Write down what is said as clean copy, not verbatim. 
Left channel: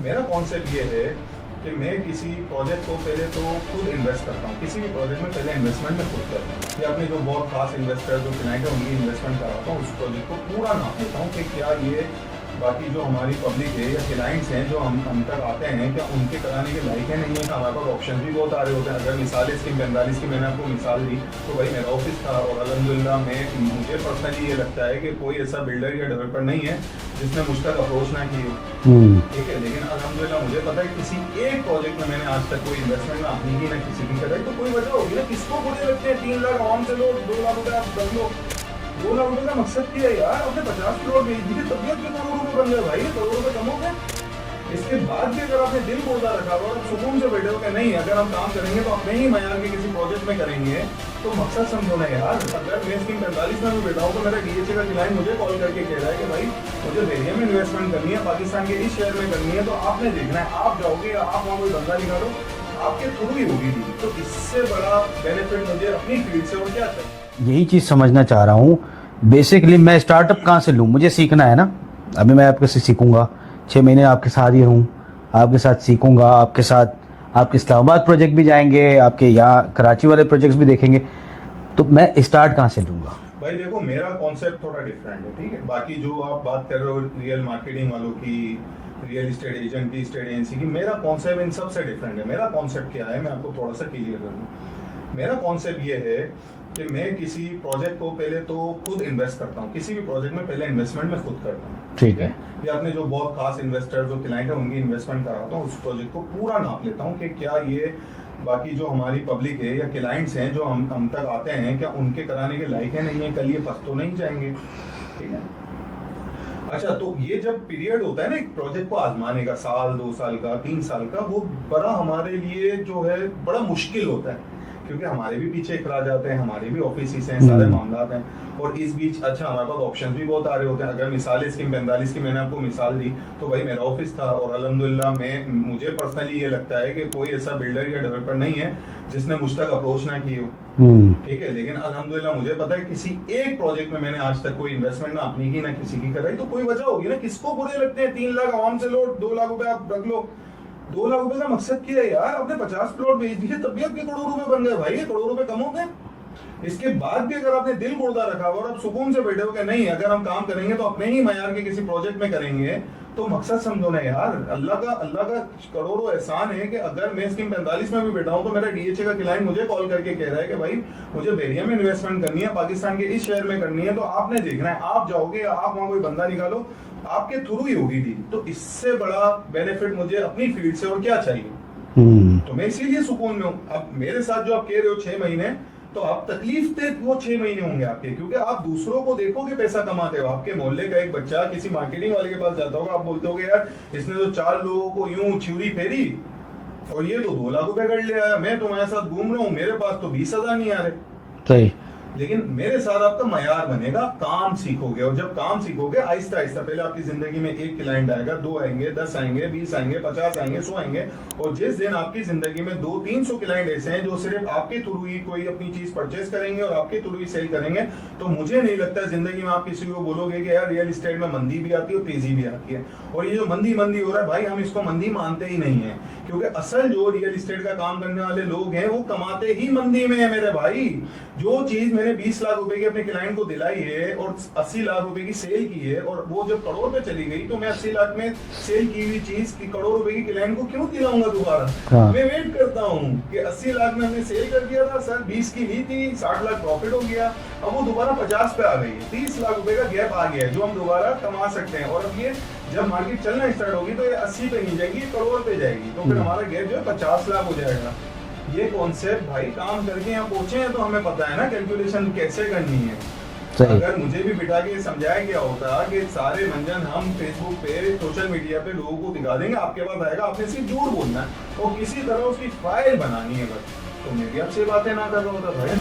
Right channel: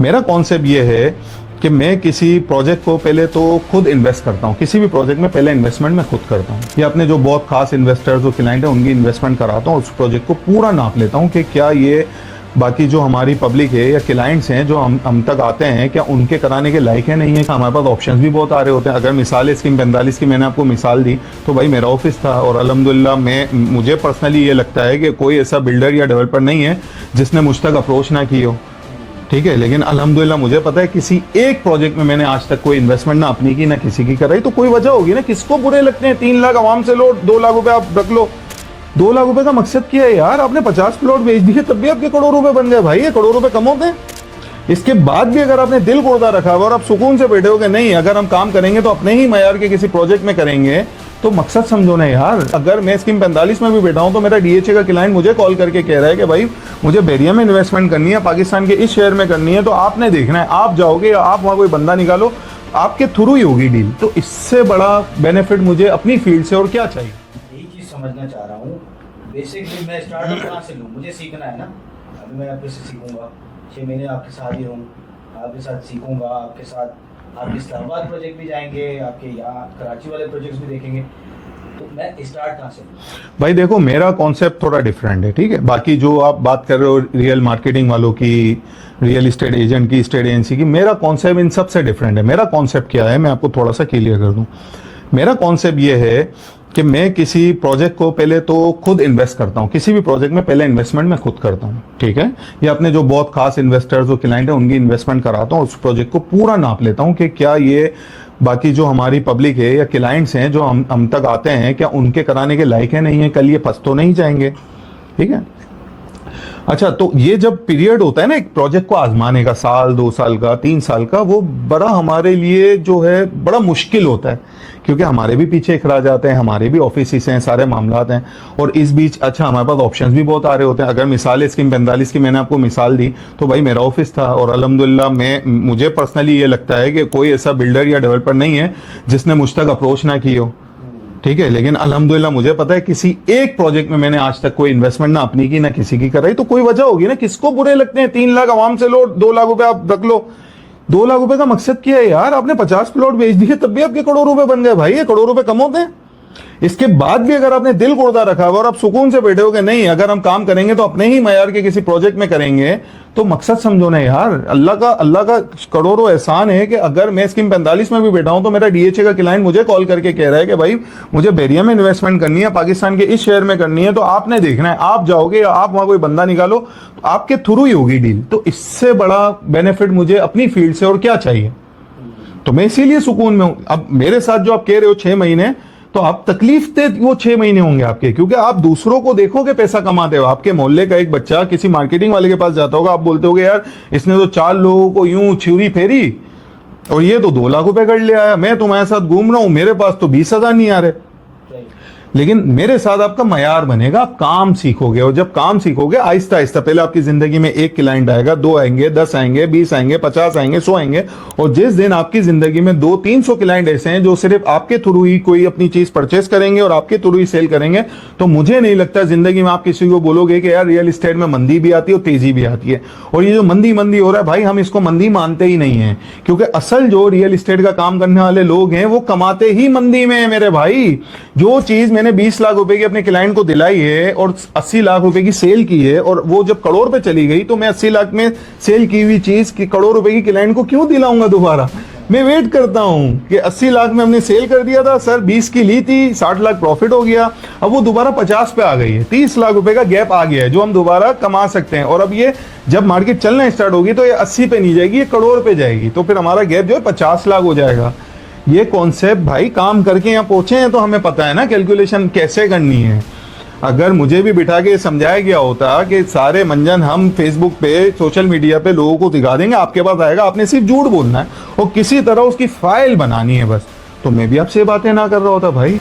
मेरा कॉन्सेप्ट ये है कि मैं किसी प्रोजेक्ट को पहले तो खुद इन्वेस्ट करता हूँ। किसी भी प्रोजेक्ट में पहले इन्वेस्टमेंट मैं खुद करता हूँ, या अपने जो बहुत खास इन्वेस्टर्स जो क्लाइंट हैं उनकी इन्वेस्टमेंट कराता हूँ। उस प्रोजेक्ट को पूरा नाप लेता हूँ कि क्या ये बाकी जो हमारी पब्लिक है या क्लाइंट्स हैं जो हम तक आते हैं, क्या उनके कराने के लायक है, नहीं है। हमारे पास ऑप्शंस भी बहुत आ रहे होते हैं। अगर मिसाल स्कीम 45 की मैंने आपको मिसाल दी, तो भाई मेरा ऑफिस था और अल्हम्दुलिल्लाह मुझे पर्सनली ये लगता है कि कोई ऐसा बिल्डर या डेवलपर नहीं है जिसने मुझ तक अप्रोच ना की हो। ठीक है, लेकिन अल्हम्दुलिल्लाह मुझे पता है किसी एक प्रोजेक्ट में मैंने आज तक कोई इन्वेस्टमेंट ना अपनी की ना किसी की कराई, तो कोई वजह होगी ना। किसको बुरे लगते हैं 3 लाख आवाम से लो, 2 लाख रुपए आप रख लो। 2 लाख रुपए का मकसद क्या है यार? आपने 50 प्लॉट बेच दिए तब भी आपके करोड़ रुपए बन गए भाई। ये करोड़ रुपए कम होते हैं। इसके बाद भी अगर आपने दिल गुर्दा रखा हुआ और आप सुकून से बैठे हो कि नहीं, अगर हम काम करेंगे तो अपने ही मयार के किसी प्रोजेक्ट में करेंगे, तो मकसद समझो ना यार। अगर मैं स्कीम 45 में भी बैठा हूं तो मेरा डीएचए का क्लाइंट मुझे कॉल करके कह रहा है कि भाई मुझे बेरिया में इन्वेस्टमेंट करनी है, पाकिस्तान के इस शहर में करनी है, तो आपने देखना है, आप जाओगे या आप वहां कोई बंदा निकालो, आपके थ्रू ही होगी डील। तो इससे बड़ा बेनिफिट मुझे अपनी फील्ड से और क्या चाहिए? यही चीज़ समझना चाह रहा हूँ। बेसिकली मैं स्टार्टअप कहाँ से लूँ? मुझे सीखना है ना। अभी मैं आपके से सीखूंगा, 6 महीने आपके साथ ही रहूँ, आपके साथ सीखूंगा, आपके साथ आपके इस्लामाबाद प्रोजेक्ट भी जाएंगे, आपके यहाँ कराची वाले प्रोजेक्ट्स भी देखेंगे, तो मैं स्टार्ट कहाँ से लूँगा? भाई देखो, मेरा कॉन्सेप्ट थोड़ा डिफरेंट है, ठीक है। बाकी जो आप बात कर रहे हो रियल मार्केटिंग वालों की, रियल एस्टेट एजेंट की, स्टेट एजेंसी की, मेरा कॉन्सेप्ट इन सबसे डिफरेंट है। मेरा कॉन्सेप्ट क्या है, मैं आपको थोड़ा सा क्लियर कर दूं। मेरा कॉन्सेप्ट ये है कि मैं किसी प्रोजेक्ट को पहले तो खुद इन्वेस्ट करता हूँ। किसी भी प्रोजेक्ट में पहले इन्वेस्टमेंट मैं खुद करता हूँ, ठीक है। या अपने जो बहुत खास इन्वेस्टर्स जो क्लाइंट हैं उनकी इन्वेस्टमेंट कराता हूँ। उस प्रोजेक्ट को पूरा नाप लेता हूँ कि क्या ये बाकी जो हमारी पब्लिक है या क्लाइंट्स हैं जो हम तक आते हैं, क्या उनके कराने के लायक है, नहीं है, कल ये फंस तो नहीं जाएंगे, ठीक है। अच्छा, तो ये जब पीरियड होता है ना एक प्रोजेक्ट को आजमाने का, साल 2 साल का 3 साल का, वो बड़ा हमारे लिए जो है बड़ा मुश्किल होता है, क्योंकि हमारे भी पीछे इखराज आते हैं, हमारे भी ऑफिस हैं, सारे मामलात हैं। और इस बीच अच्छा हमारे पास ऑप्शंस भी बहुत आ रहे होते हैं। अगर मिसाल स्कीम 45 की मैंने आपको मिसाल दी, तो भाई मेरा ऑफिस था और अल्हम्दुलिल्लाह मुझे पर्सनली ये लगता है कि कोई ऐसा बिल्डर या डेवलपर नहीं है जिसने मुझ तक अप्रोच ना की हो। ठीक है, लेकिन अल्हम्दुलिल्लाह मुझे पता है किसी एक प्रोजेक्ट में मैंने आज तक कोई इन्वेस्टमेंट ना अपनी की ना किसी की कराई, तो कोई वजह होगी ना। किसको बुरे लगते हैं 3 लाख आवाम से लो, 2 लाख रुपए आप रख लो। 2 लाख रुपए का मकसद क्या है यार? आपने 50 प्लॉट बेच दिए तब भी आपके करोड़ रुपए बन गए भाई। ये करोड़ रुपए कम होते हैं। इसके बाद भी अगर आपने दिल गुर्दा रखा हुआ और आप सुकून से बैठे हो कि नहीं, अगर हम काम करेंगे तो अपने ही मयार के किसी प्रोजेक्ट में करेंगे, तो मकसद समझो ना यार। अल्लाह का करोड़ों एहसान है कि अगर मैं स्कीम 45 में भी बैठा हूं तो मेरा डीएचए का क्लाइंट मुझे कॉल करके कह रहा है कि भाई मुझे बेरिया में इन्वेस्टमेंट करनी है, पाकिस्तान के इस शहर में करनी है, तो आपने देखना है, आप जाओगे या आप वहां कोई बंदा निकालो, आपके थ्रू ही होगी डील। तो इससे बड़ा बेनिफिट मुझे अपनी फील्ड से और क्या चाहिए? तो मैं इसीलिए सुकून में हूं। अब मेरे साथ जो आप कह रहे हो 6 महीने, तो आप तकलीफ दे वो 6 महीने होंगे आपके, क्योंकि आप दूसरों को देखोगे पैसा कमाते हो। आपके मोहल्ले का एक बच्चा किसी मार्केटिंग वाले के पास जाता होगा, आप बोलते होगे यार इसने तो 4 लोगों को यूं छुरी फेरी और ये तो 2 लाख रुपए कर लिया है, मैं तुम्हारे साथ घूम रहा हूं, मेरे पास तो 20,000 नहीं आ रहे। सही। लेकिन मेरे साथ आपका मयार बनेगा, काम सीखोगे, और जब काम सीखोगे आहिस्ता आहिस्ता, पहले आपकी जिंदगी में 1 क्लाइंट आएगा, 2 आएंगे, 10 आएंगे, 20 आएंगे, 50 आएंगे, 100 आएंगे, और जिस दिन आपकी जिंदगी में 200-300 क्लाइंट ऐसे हैं जो सिर्फ आपके थ्रू ही कोई अपनी चीज परचेस करेंगे और आपके थ्रू ही सेल करेंगे, तो मुझे नहीं लगता जिंदगी में आप किसी को बोलोगे कि यार रियल एस्टेट में मंदी भी आती है और तेजी भी आती है। और ये जो मंदी हो रहा है भाई, हम इसको मंदी मानते ही नहीं है, क्योंकि असल जो रियल एस्टेट का काम करने वाले लोग हैं वो कमाते ही मंदी में है मेरे भाई। जो चीज मैंने 20 लाख रुपए की अपने क्लाइंट को दिलाई है और 80 लाख रुपए की सेल की है, और वो जब करोड़ पे चली गई, तो मैं 80 लाख में सेल की हुई चीज की करोड़ रुपए की क्लाइंट को क्यों दिलाऊंगा दोबारा? मैं वेट करता हूं कि 80 लाख में हमने सेल कर दिया था सर, 20 की ली थी, 60 लाख प्रॉफिट हो गया, अब वो दोबारा 50 पे आ गई है, 30 लाख रुपए का गैप आ गया है जो हम दोबारा कमा सकते हैं। और अब ये जब मार्केट चलना स्टार्ट होगी तो ये 80 पे नहीं जाएगी, ये करोड़ पे जाएगी, तो फिर हमारा गैप जो है 50 लाख हो जाएगा। ये कॉन्सेप्ट भाई काम करके यहाँ पहुंचे हैं तो हमें पता है ना कैलकुलेशन कैसे करनी है। अगर मुझे भी बिठा के समझाया गया होता कि सारे मंजन हम फेसबुक पे, सोशल मीडिया पे लोगों को दिखा देंगे, आपके पास आएगा, आपने सिर्फ झूठ बोलना है और किसी तरह उसकी फाइल बनानी है बस, तो मैं भी आपसे बातें ना कर रहा होता भाई।